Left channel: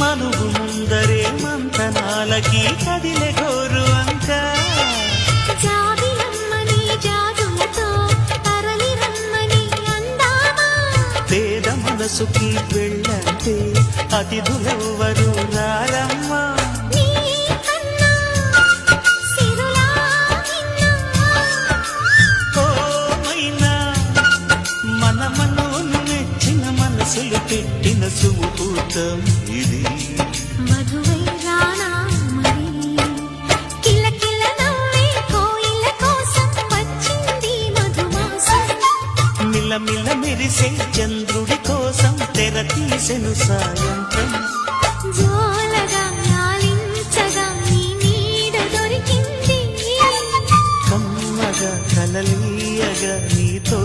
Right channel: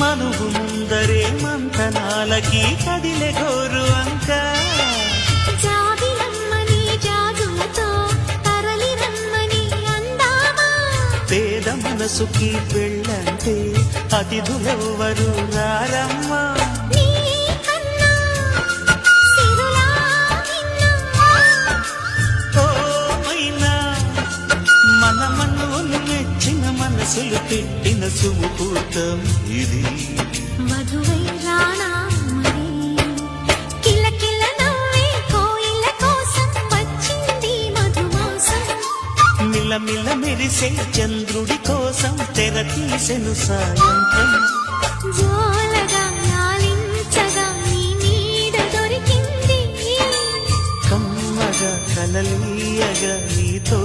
మనువు ముందరే మంతనాలకి కదిలే గోరు అంక జాబిలమ్మని జాజులతో తరలి రమ్మని అందామా పేద మనసుకి పెళ్ళంటే అతిథులెవ్వరు రారమ్మా మన మనవును మెచ్చిన మనసులు పెట్టిన సుముహూర్తం ఇది మధువై రానా మరి కిలకిల నవ్వే కోయిల కోసం వచ్చింది మధుమాసం మిలమిల మెరిసే చంద్రుడి కోసం తెర తీసెను సాయంత్రం జోలగా లాలించగా నీ నీడ దొరికింది కమ్మగా కలలీయగా నీతో